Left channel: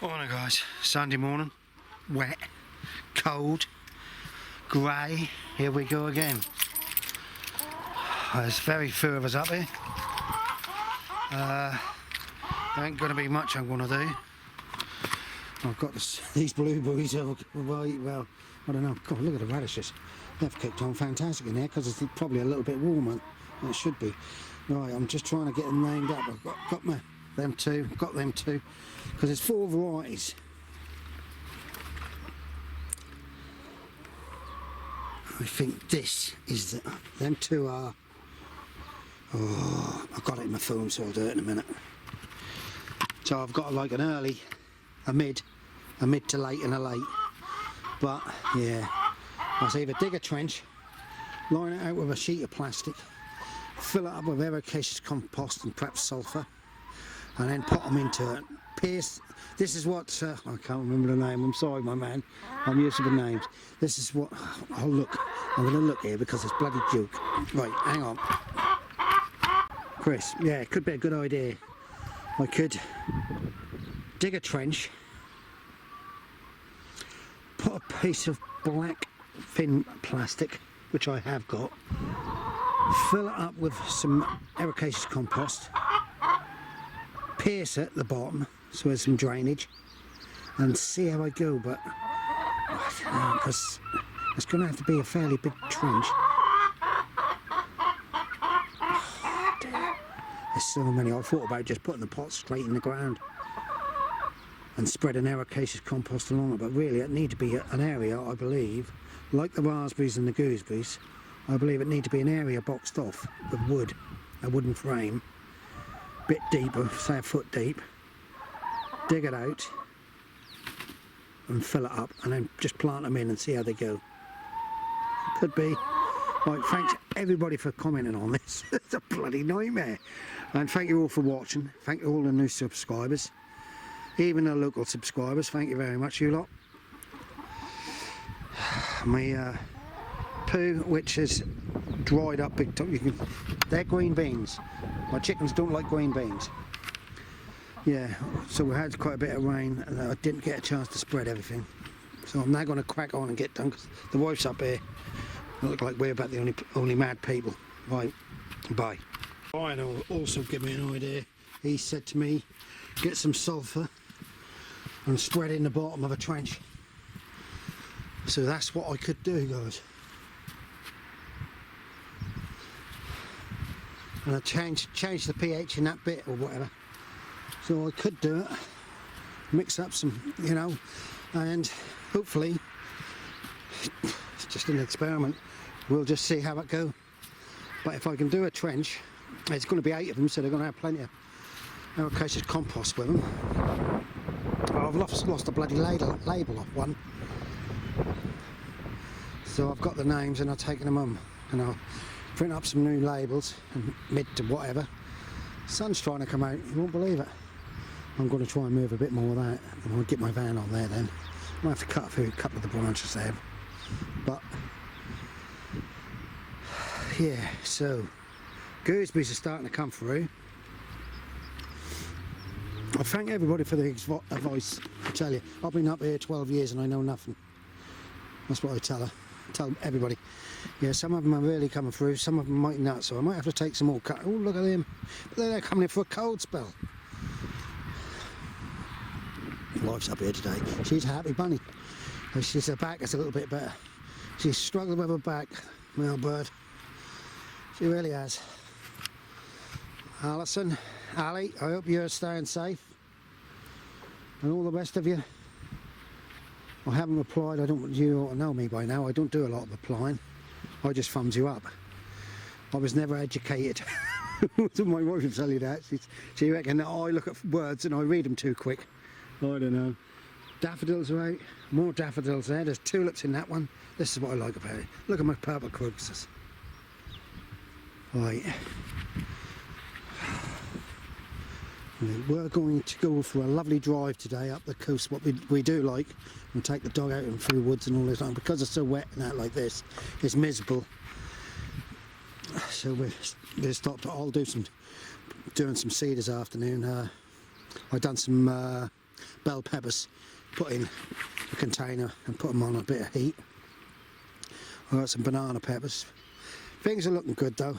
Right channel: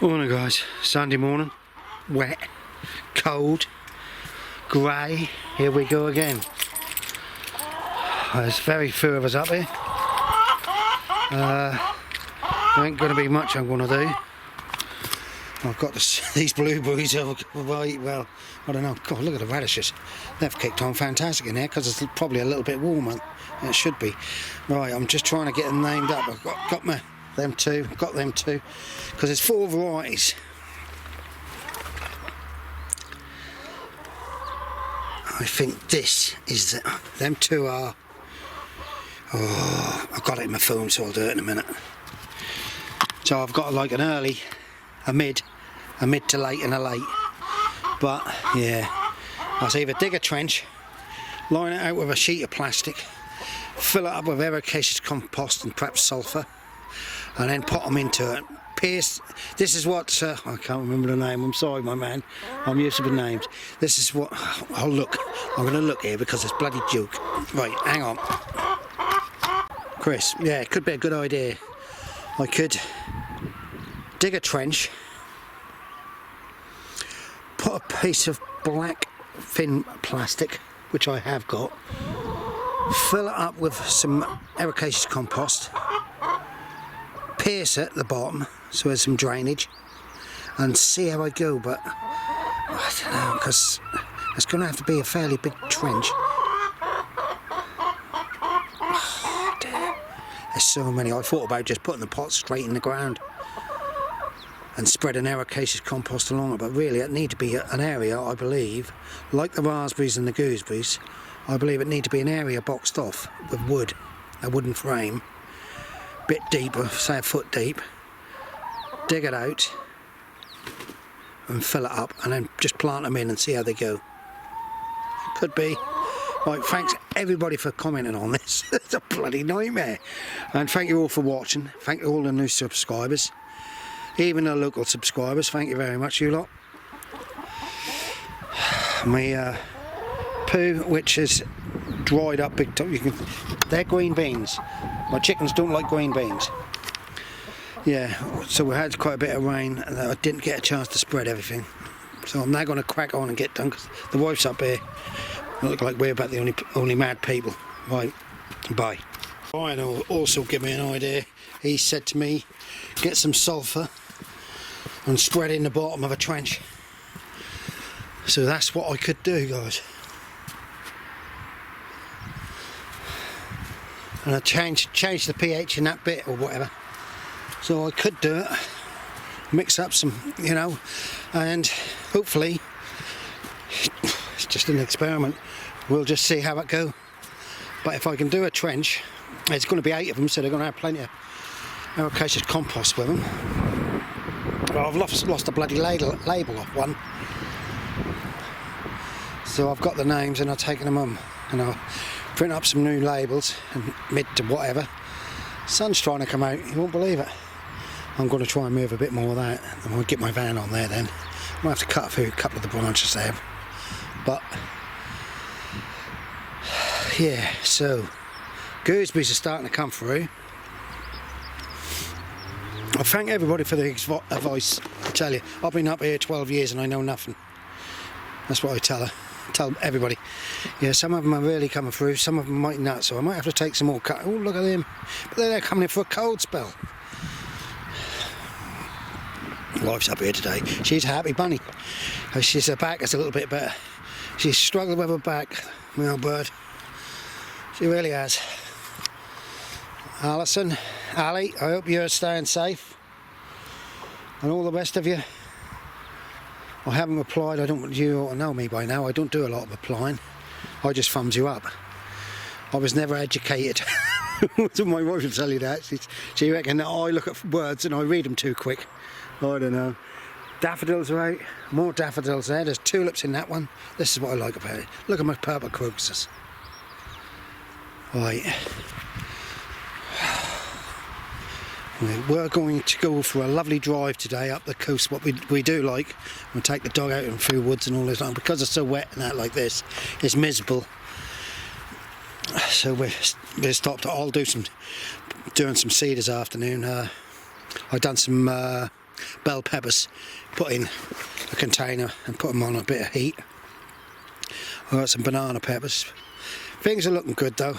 Morning guys, Sunday morning, wet, cold, grey, here we go again. There's very few of us up here. There ain't going to be much I'm going to do. I've got these blueberries, well, I don't know, God look at the radishes. They've kicked on fantastic in here because it's probably a little bit warmer than it should be. Right, I'm just trying to get them named up. I've got them two, because there's 4 varieties. I think this is them 2 are. Oh, I've got it in my phone, so I'll do it in a minute. So I've got like an early, a mid to late, and a late. But yeah, I'll either dig a trench, line it out with a sheet of plastic, fill it up with ericaceous compost and perhaps sulphur, and then put them into it. Pierce. This is what I can't remember the name. I'm sorry, my man. I'm used to the names. This is what. Oh look, I'm going to look here because it's bloody Duke. Right, hang on, Chris. Yeah, it could be a good idea. I could dig a trench, put a piece of black thin plastic, which I have got, fill it up with some ericaceous compost, pierce it at the bottom so there's some drainage, and see how I go. But I don't know, because it's going to have to be a fairly big trench. Oh, dear. There's so many. I thought about just putting the pot straight in the ground and spreading ericaceous compost along it, but really it need to be an area, I believe, like the raspberries and the gooseberries, I believe it need to be an area boxed off with wood, a wooden frame, bit deeper, say a foot deep, dig it out and fill it up, and then just plant them in and see how they go. Could be. Right, thanks everybody for commenting on this. It's a bloody nightmare. And thank you all for watching. Thank you all the new subscribers, even the local subscribers. Thank you very much, you lot. My poo, which is dried up big time. They're green beans. My chickens don't like green beans. Yeah, so we had quite a bit of rain and I didn't get a chance to spread everything. So I'm now going to crack on and get done because the wife's up here. Look like we're about the only mad people. Right, bye. Ryan will also give me an idea. He said to me, get some sulphur and spread in the bottom of a trench. So that's what I could do, guys. And I change the pH in that bit or whatever. So I could do it, mix up some, you know, and hopefully, it's just an experiment, we'll just see how it goes. But if I can do a trench, there's going to be 8 of them, so they're going to have plenty of ericaceous compost with them. Well, I've lost the bloody label off one, so I've got the names and I've taken them on, and I'll print up some new labels and mid to whatever. Sun's trying to come out, you won't believe it. I'm going to try and move a bit more of that, and I'll get my van on there then. I'll have to cut a couple of the branches there, but yeah, so gooseberries are starting to come through. I thank everybody for the advice. I tell you, I've been up here 12 years and I know nothing. That's what I tell everybody. Yeah, some of them are really coming through, some of them might not, so I might have to take some more cut. Oh, look at them. But they're coming in for a cold spell. Wife's up here today. She's a happy bunny. Her back is a little bit better. She's struggling with her back, my old bird. She really has. Alison, Ali, I hope you're staying safe. And all the rest of you. I haven't replied. You ought to know me by now. I don't do a lot of replying. I just thumbs you up. I was never educated. My wife will tell you that. She reckons that I look at words and I read them too quick. I don't know. Daffodils are out. More daffodils there. There's tulips in that one. This is what I like about it. Look at my purple crocuses. Right. We're going to go for a lovely drive today up the coast. What we do like, we'll take the dog out and through woods and all this, because it's so wet and that like this, it's miserable. So we're stopped. I'll doing some seed this afternoon. I done some bell peppers, put in a container and put them on a bit of heat. I've got some banana peppers. Things are looking good though.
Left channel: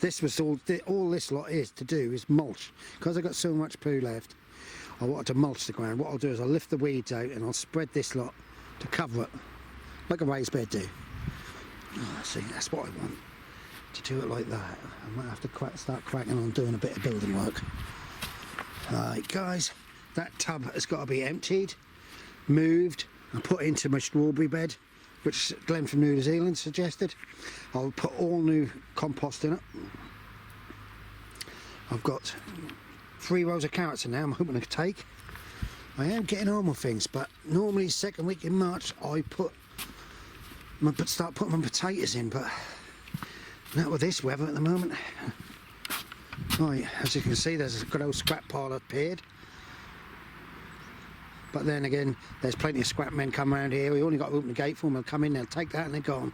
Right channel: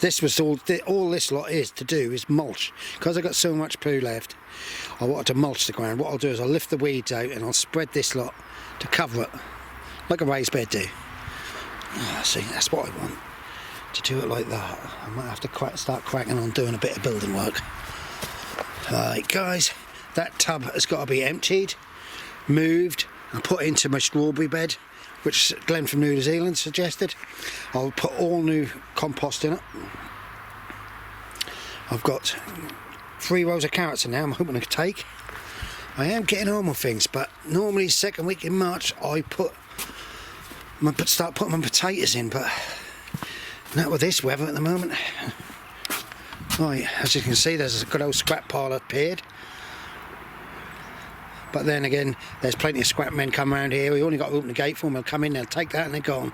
This was all this lot is to do is mulch. Because I've got so much poo left, I wanted to mulch the ground. What I'll do is I'll lift the weeds out and I'll spread this lot to cover it, like a raised bed do. Oh, see, that's what I want, to do it like that. I might have to start cracking on doing a bit of building work. Right guys, that tub has got to be emptied, moved and put into my strawberry bed, which Glenn from New Zealand suggested. I'll put all new compost in it. I've got 3 rows of carrots in now I'm hoping to take. I am getting on with things, but normally second week in March I start putting my potatoes in, but not with this weather at the moment. Right, as you can see, there's a good old scrap pile appeared. But then again, there's plenty of scrap men come around here. We only got to open the gate for them. They'll come in, they'll take that and they're gone.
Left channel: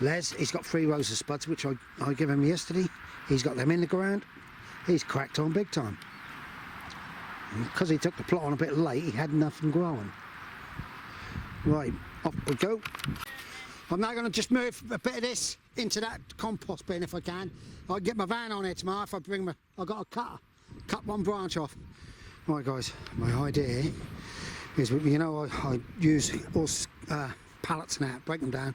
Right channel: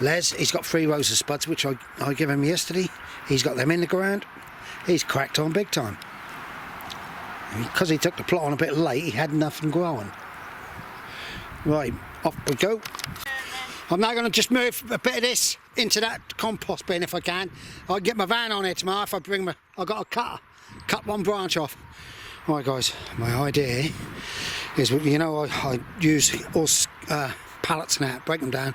Les, he's got 3 rows of spuds, which I gave him yesterday. He's got them in the ground. He's cracked on big time. And because he took the plot on a bit late, he had nothing growing. Right, off we go. I'm now going to just move a bit of this into that compost bin if I can. I'll get my van on here tomorrow if I bring my... I've got a cutter. Cut one branch off. Right guys, my idea is, you know, I use all pallets now, break them down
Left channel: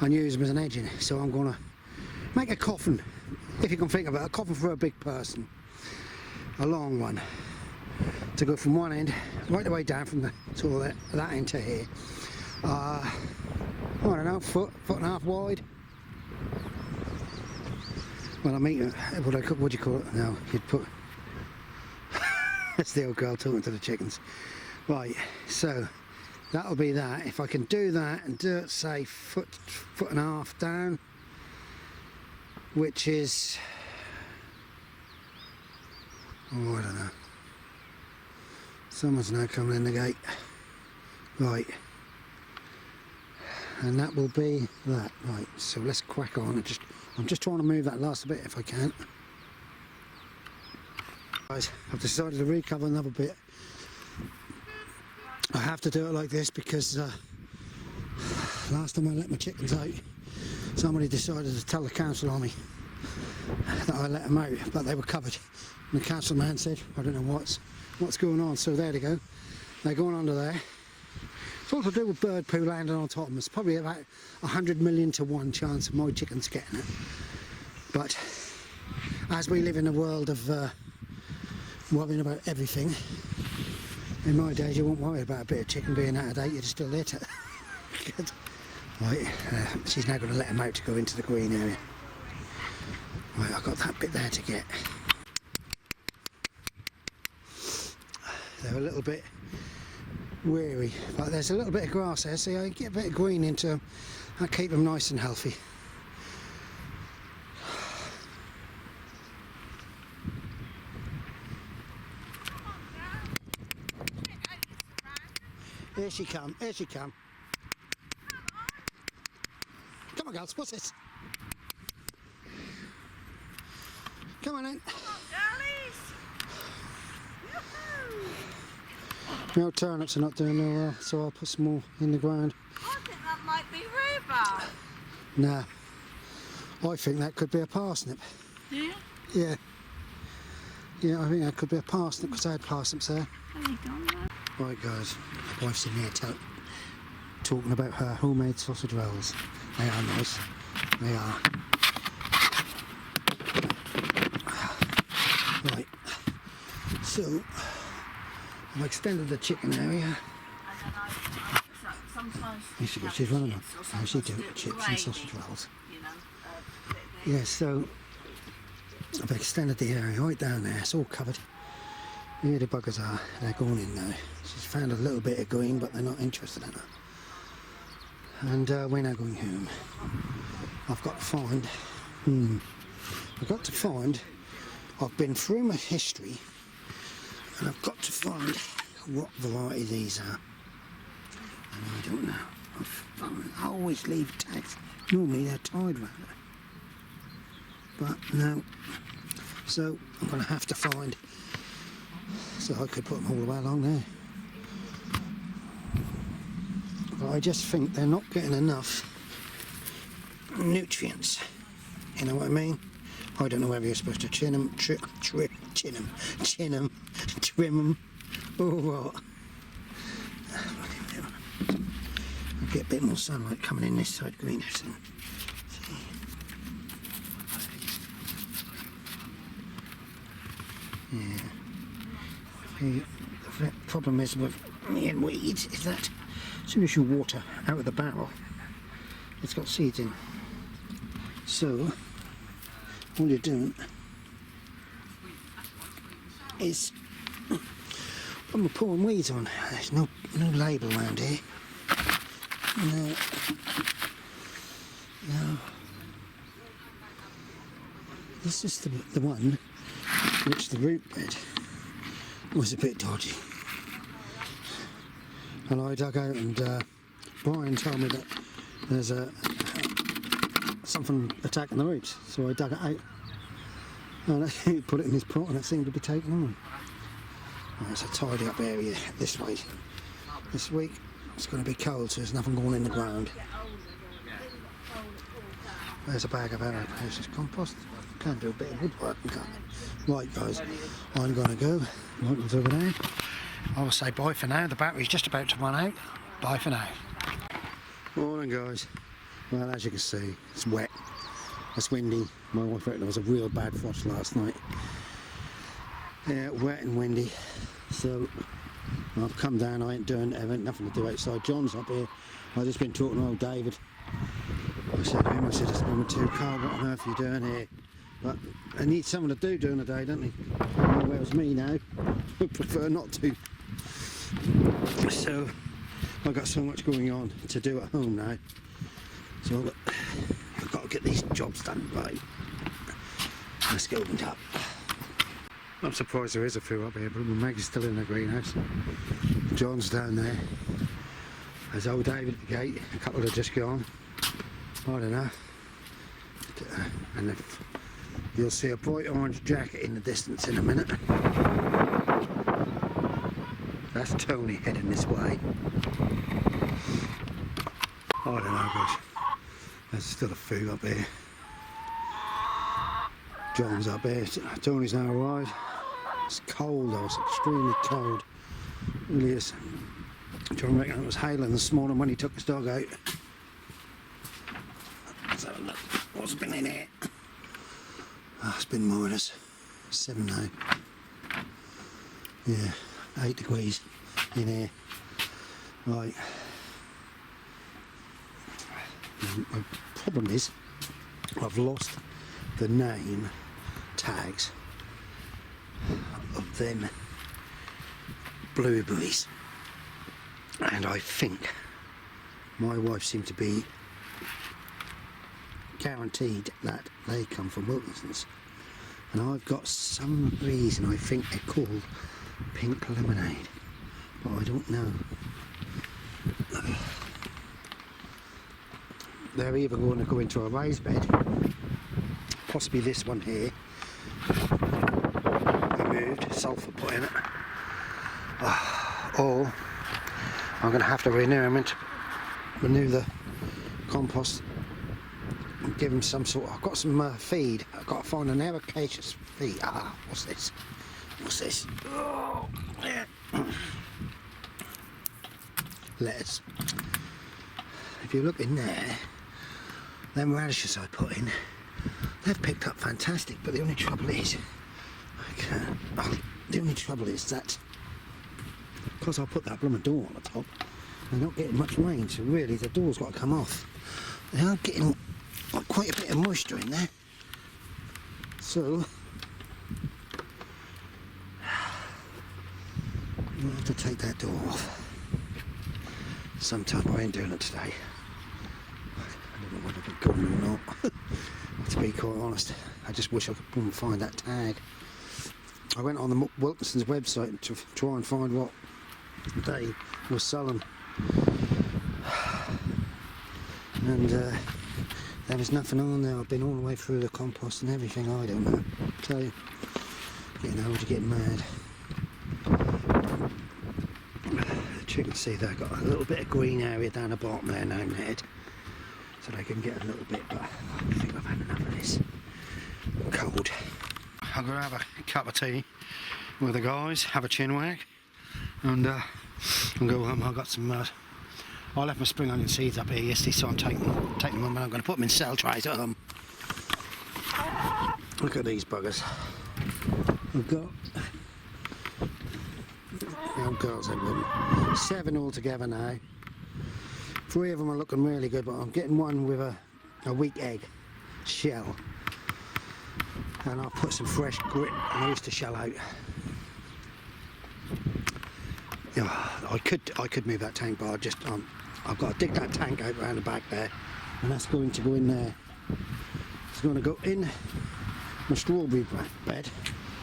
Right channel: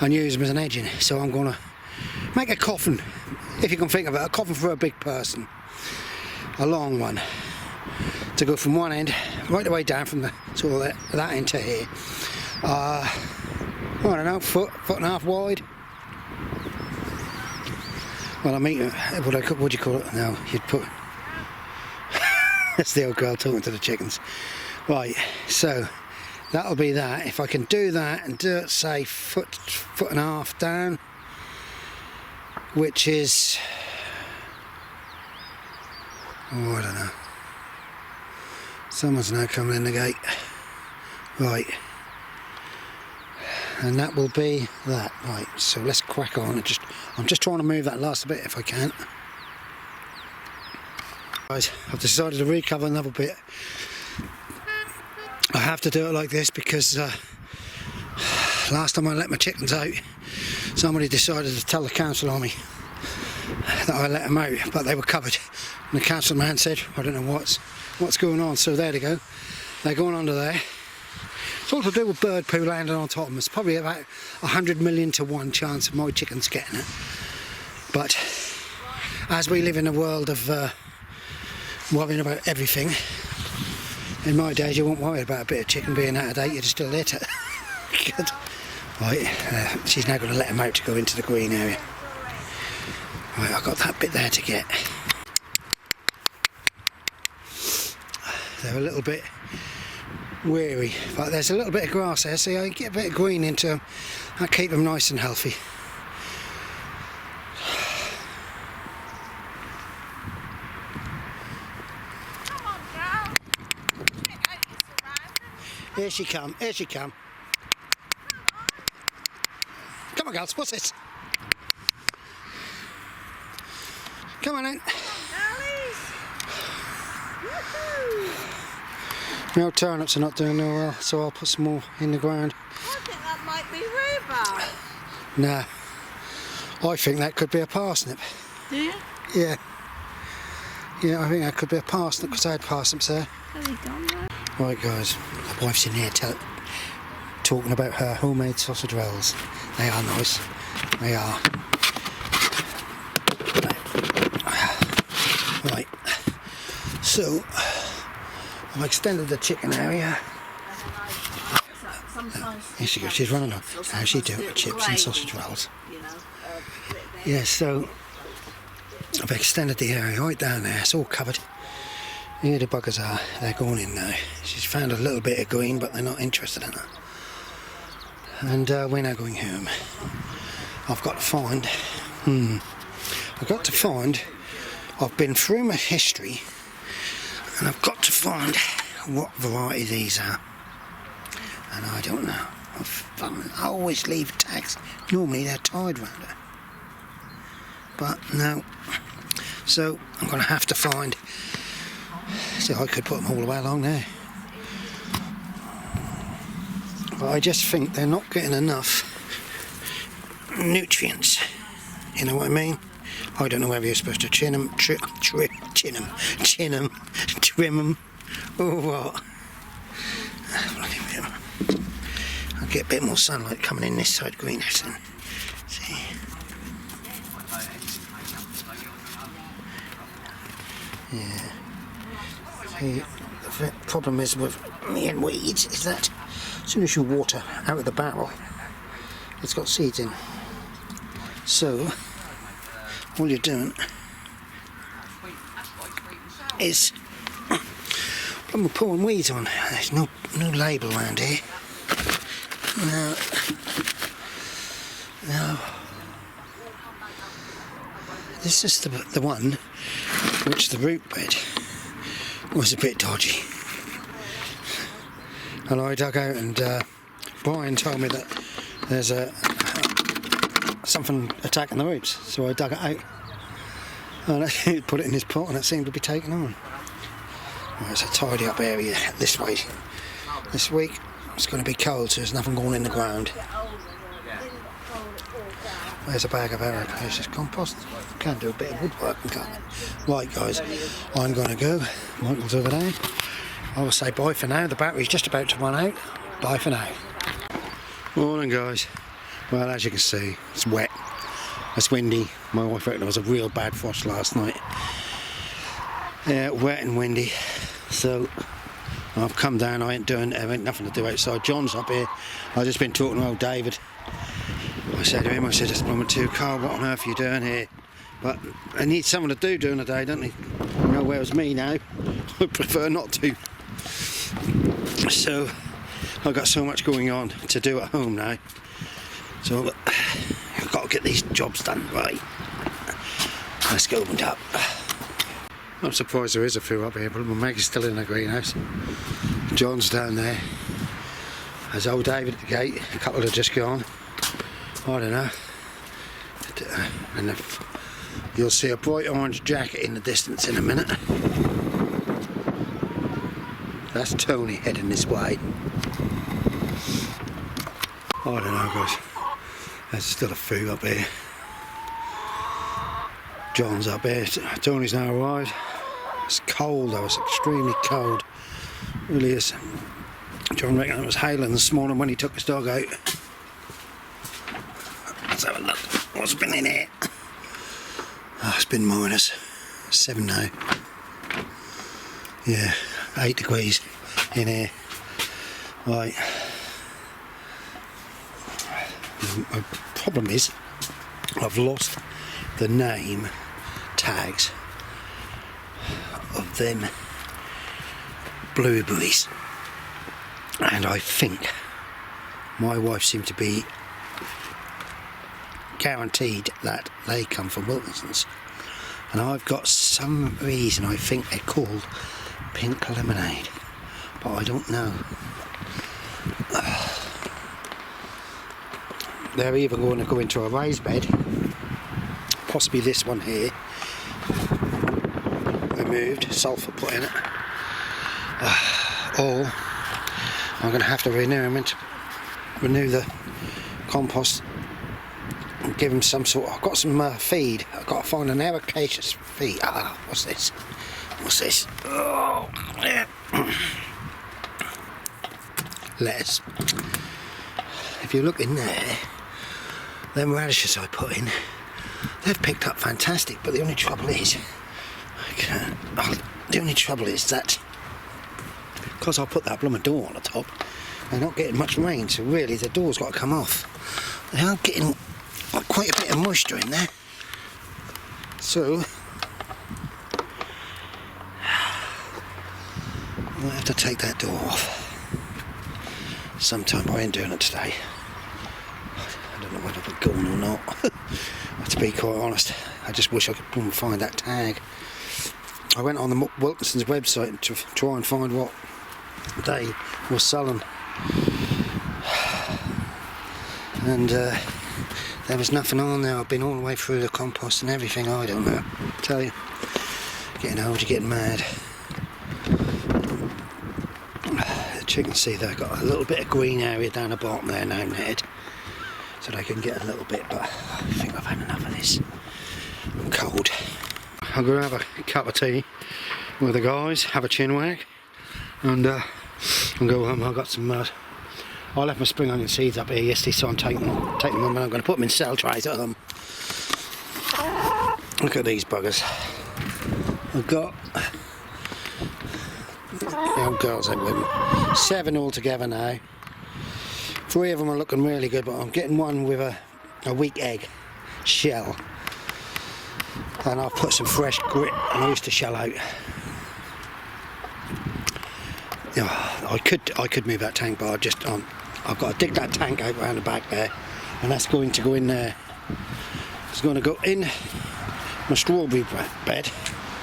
and use them as an edging. So I'm going to make a coffin, if you can think of it, a coffin for a big person. A long one. To go from one end, right the way down from the sort of that end to here. I don't know, foot and a half wide. Well, I mean, what do you call it now? You'd put... That's the old girl talking to the chickens. Right, so that'll be that. If I can do that and do it, say, foot and a half down, which is... oh, I don't know. Someone's now coming in the gate. Right. And that will be that. Right, so let's crack on. I'm just trying to move that last bit if I can. Guys, I've decided to recover another bit. I have to do it like this because last time I let my chickens out, somebody decided to tell the council on me that I let them out, but they were covered. And the council man said, I don't know what's going on. So there they go. They're going under there. It's all to do with bird poo landing on top of them. It's probably about 100 million to 1 chance of my chickens getting it. But as we live in a world of worrying about everything, in my days you won't worry about a bit of chicken being out of date, you'd still eat it. Good. Right, she's now going to let them out to go into the green area. Right, I've got that bit there to get. They're a little bit weary, but there's a little bit of grass there, so I get a bit of green into them. I'll keep them nice and healthy. Here she come, here she come. Come on girls, what's this? Come on in. My old turnips are not doing no well, so I'll put some more in the ground. I think that might be rhubarb. No, I think that could be a parsnip. Do you? Yeah. Yeah, I think that could be a parsnip because I had parsnips there. Has he gone there? Right guys, my wife's in here talking about her homemade sausage rolls. They are nice. They are. Right. So, I've extended the chicken area. Here she goes, she's running up. How's she doing? Chips and sausage rolls. Yeah, so I've extended the area right down there. It's all covered. Here the buggers are. They're going in now. She's found a little bit of green, but they're not interested in it. And we're now going home. I've got to find... I've been through my history, and I've got to find what variety these are. And I don't know. I always leave tags. Normally they're tied round it. But no. So I'm going to have to find See, I could put them all the way along there. But I just think they're not getting enough nutrients. You know what I mean? I don't know whether you're supposed to trim them, or what. I'll get a bit more sunlight coming in this side greenhouse then. See? Yeah. See, the problem is with me and weeds is that as soon as you water out of the barrel, it's got seeds in. So all you're doing is I'm pouring weeds on. There's no label around here. No. This is the one which the root bed was a bit dodgy. And I dug out, and Brian told me that there's something attacking the roots, so I dug it out and I put it in this pot, and it seemed to be taking on. Well, it's a tidy up area this way. This week it's going to be cold, so there's nothing going in the ground. There's a bag of ericaceous compost. Can do a bit of woodwork and cut. Right guys, I'm going to go. Michael's over there. I will say bye for now. The battery's just about to run out. Bye for now. Morning guys. Well, as you can see, it's wet. It's windy. My wife reckoned there was a real bad frost last night. Yeah, wet and windy. So I've come down. I ain't nothing to do outside. John's up here. I've just been talking to old David. I said to him, it's blooming too cold. What on earth are you doing here? But I need someone to do during the day, don't they? Well, whereas me now, I prefer not to. So I've got so much going on to do at home now. So I've got to get these jobs done right. Let's get opened up. I'm surprised there is a few up here, but Maggie's still in the greenhouse. John's down there. There's old David at the gate. A couple have just gone. I don't know. And you'll see a bright orange jacket in the distance in a minute. That's Tony heading this way. I don't know, guys. There's still a few up here. John's up here. Tony's now arrived. It's cold though. It's extremely cold. It really is. John reckoned it was hailing this morning when he took his dog out. Let's have a look. What's been in here? Oh, it's been minus 7 now. Yeah, 8 degrees in here. Right. The problem is I've lost the name tags of them blueberries, and I think my wife seemed to be guaranteed that they come from Wilkinson's, and I've got some reason I think they're called pink lemonade, but I don't know. They're either going to go into a raised bed, possibly this one here, removed, sulphur put in it, or I'm going to have to renew the compost and give them some sort. I've got some feed. I've got to find an ericaceous feed. What's this? What's this? Oh, yeah. Lettuce. If you look in there, them radishes I put in, they've picked up fantastic, but the only trouble is that because I put that blooming door on the top, they're not getting much rain, so really the door's got to come off. They are getting quite a bit of moisture in there, so I might have to take that door off sometime. I ain't doing it today. I don't know whether it's going or not. To be quite honest, I just wish I could find that tag. I went on the Wilkinson's website to try and find what they were selling, and there was nothing on there. I've been all the way through the compost and everything. I don't know. I tell you, getting old, you're getting mad. the chickens see they've got a little bit of green area down the bottom there now netted, so they can get a little bit, but I think I've had enough of this. I'm cold. I'm going to have a cup of tea with the guys, have a chin wag, and go home. I've got some I left my spring onion seeds up here yesterday, so I'm taking them home and I'm going to put them in cell trays at home. Look at these buggers. I've got the old girls in with them. 7 altogether now. 3 of them are looking really good, but I'm getting one with a weak egg shell. And I'll put some fresh grit and oyster shell out. Yeah, I could move that tank, but I've got to dig that tank out around the back there, and that's going to go in there. It's going to go in my strawberry bed.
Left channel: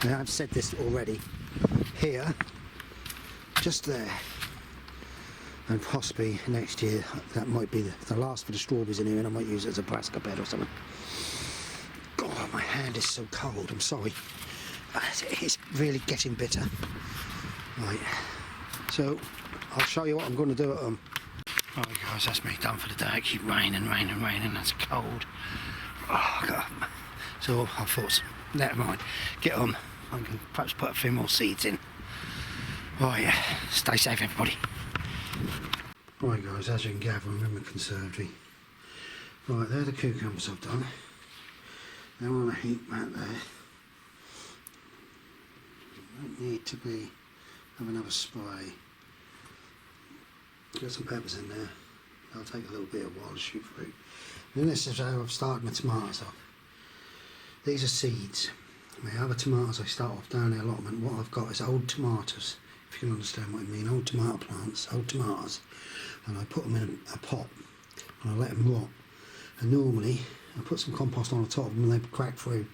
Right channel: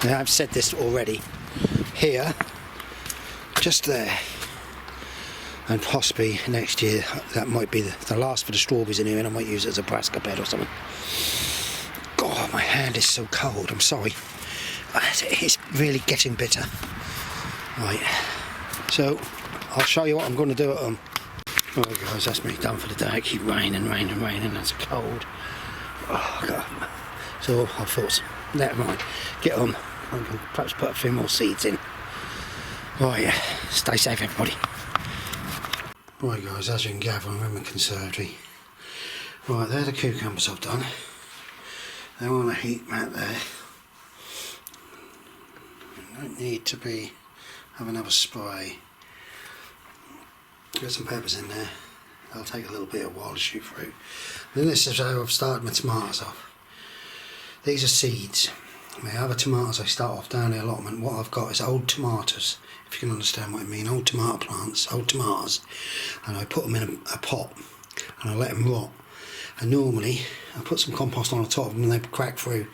And I've said this already. Here, just there, and possibly next year that might be the last for the strawberries in here, and I might use it as a brassica bed or something. God, my hand is so cold. I'm sorry. It's really getting bitter. Right. So I'll show you what I'm going to do at home. Alright guys, that's me done for the day. It keeps raining. That's cold. Oh God. So I thought, never mind. Get on. I can perhaps put a few more seeds in. Right, yeah. Stay safe, everybody. Right guys, as you can gather, I'm in my conservatory. Right, there are the cucumbers I've done. They're on a heat mat there. Don't need to have another spray. Get some peppers in there. They'll take a little bit of while to shoot through. And this is how I've started my tomatoes off. These are seeds. My other tomatoes I start off down the allotment. What I've got is old tomatoes, if you can understand what I mean. Old tomato plants, old tomatoes. And I put them in a pot and I let them rot. And normally I put some compost on the top of them and they crack through.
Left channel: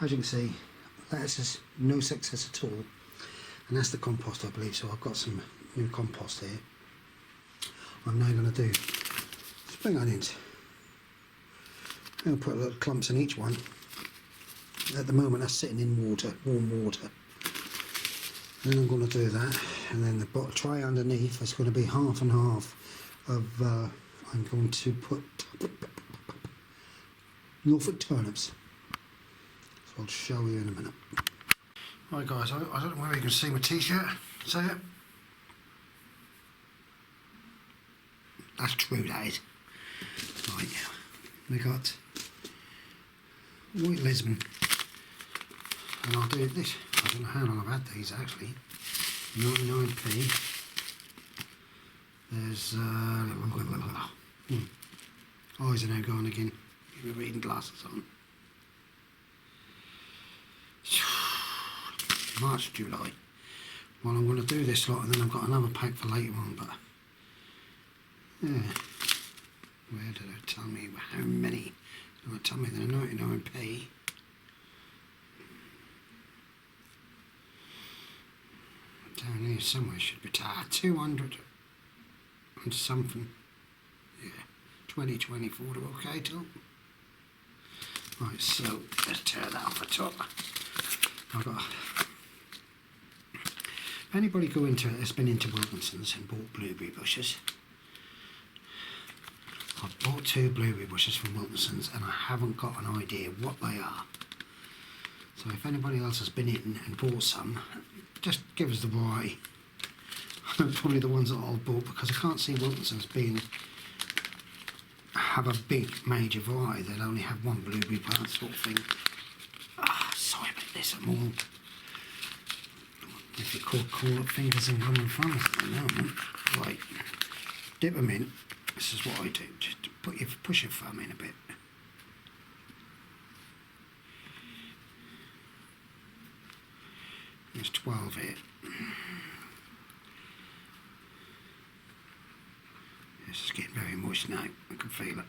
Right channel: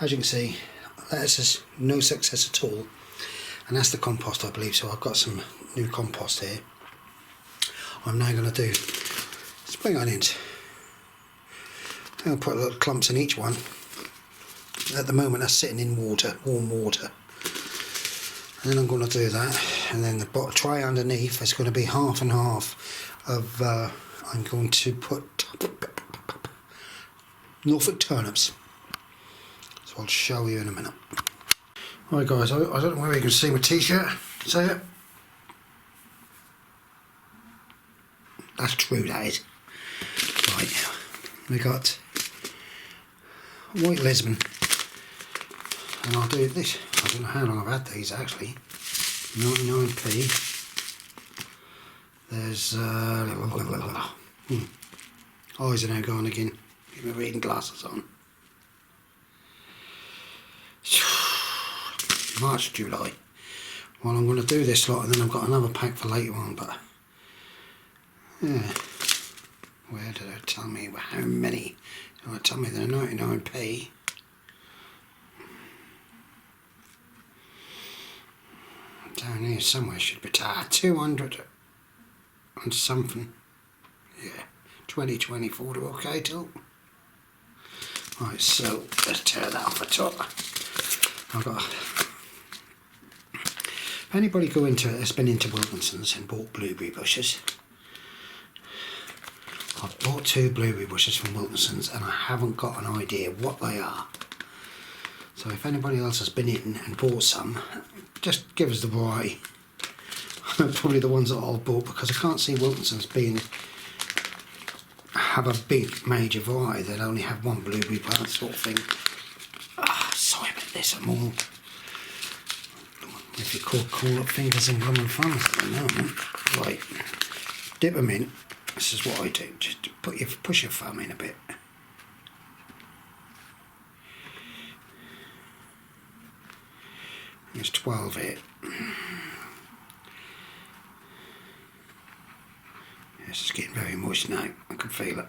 As you can see, lettuces, no success at all. And that's the compost, I believe. So I've got some new compost here. I'm now going to do spring onions. I'll put little clumps in each one. At the moment that's sitting in water, warm water. And then I'm going to do that, and then the tray underneath is going to be half and half of, I'm going to put Norfolk turnips. So I'll show you in a minute. Right guys, I don't know whether you can see my t-shirt, see it? That's true, that is. Right, we got White Lisbon, and I'll do this. I don't know how long I've had these actually. 99p. There's eyes are now gone again. Get my reading glasses on. March, July. Well, I'm going to do this lot, and then I've got another pack for later on, but yeah. Where did it tell me how many? Oh, it told me they're 99p. Down here somewhere should be 200 and something. Yeah, 2024 to okay till. Right, so let's tear that off the top. I've got. If anybody has been into Wilkinson's and bought blueberry bushes, I've bought 2 blueberry bushes from Wilkinson's and I haven't got an idea what they are. So if anybody else has been in and bought some, just give us the variety. Probably the ones that I've bought, because I can't see Wilkinson's have a big major variety. They'll only have one blueberry plant sort of thing. Sorry about this, I'm all, if you call up fingers and gum and thumbs at the moment. Right, dip them in. This is what I do. Just push your thumb in a bit. There's 12 here. This is getting very moist now. I can feel it.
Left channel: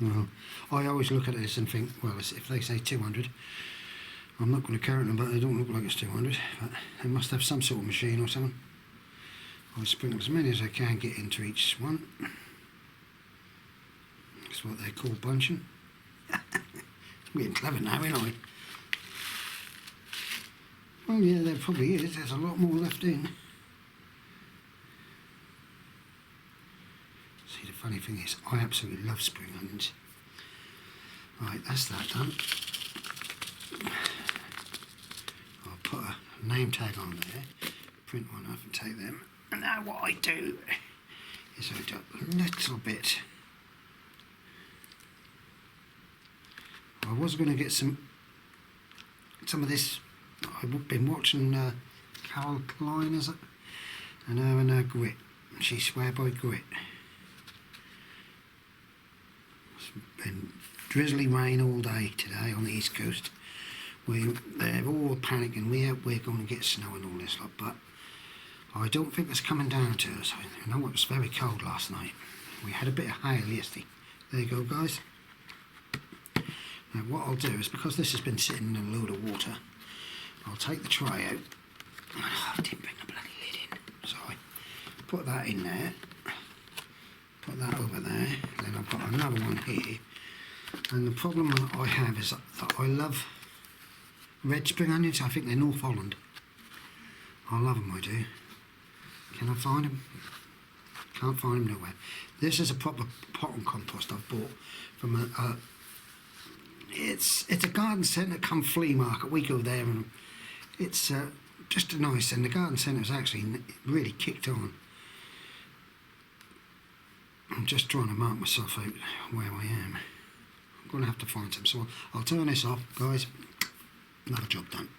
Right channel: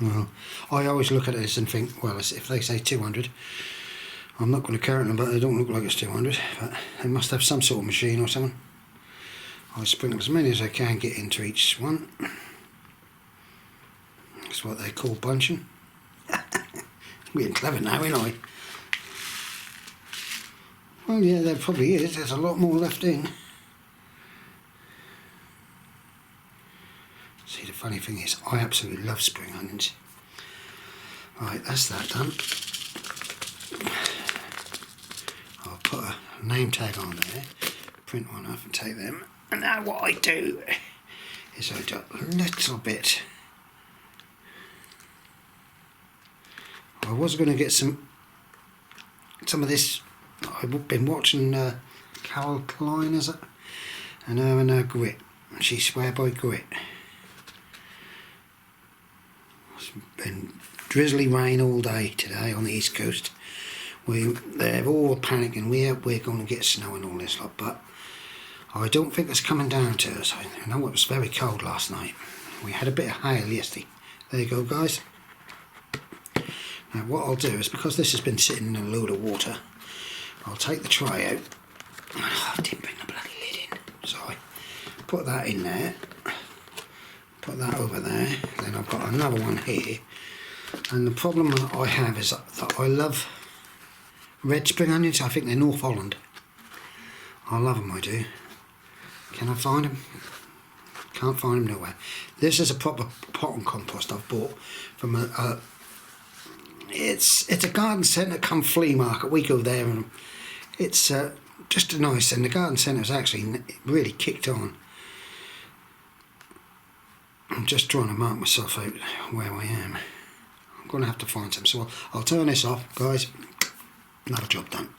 Well, I always look at this and think, well, if they say 200, I'm not going to count them, but they don't look like it's 200. But they must have some sort of machine or something. I sprinkle as many as I can get into each one. That's what they call bunching. I'm getting clever now, ain't I? Well, yeah, there probably is. There's a lot more left in. See, the funny thing is, I absolutely love spring onions. Right, that's that done. I'll put a name tag on there, print one off and take them. And now what I do is I do a little bit. I was going to get some of this. I've been watching Carol Klein, is it? And her and her grit. She swear by grit. It's been drizzly rain all day today on the east coast. They're all panicking. We're going to get snow and all this lot, but I don't think it's coming down to us. I know it was very cold last night. We had a bit of hail yesterday. There you go, guys. Now what I'll do is, because this has been sitting in a load of water, I'll take the tray out. Oh, I didn't bring the bloody lid in. Sorry. Put that in there. Put that over there. Then I've got another one here. And the problem that I have is that I love red spring onions. I think they're North Holland. I love them, I do. Can I find them? Can't find them nowhere. This is a proper pot and compost I've bought from a it's a garden centre come flea market. We go there and it's just a nice, and the garden centre's actually really kicked on. I'm just trying to mark myself out where I am. I'm going to have to find some, so I'll turn this off, guys. Another job done.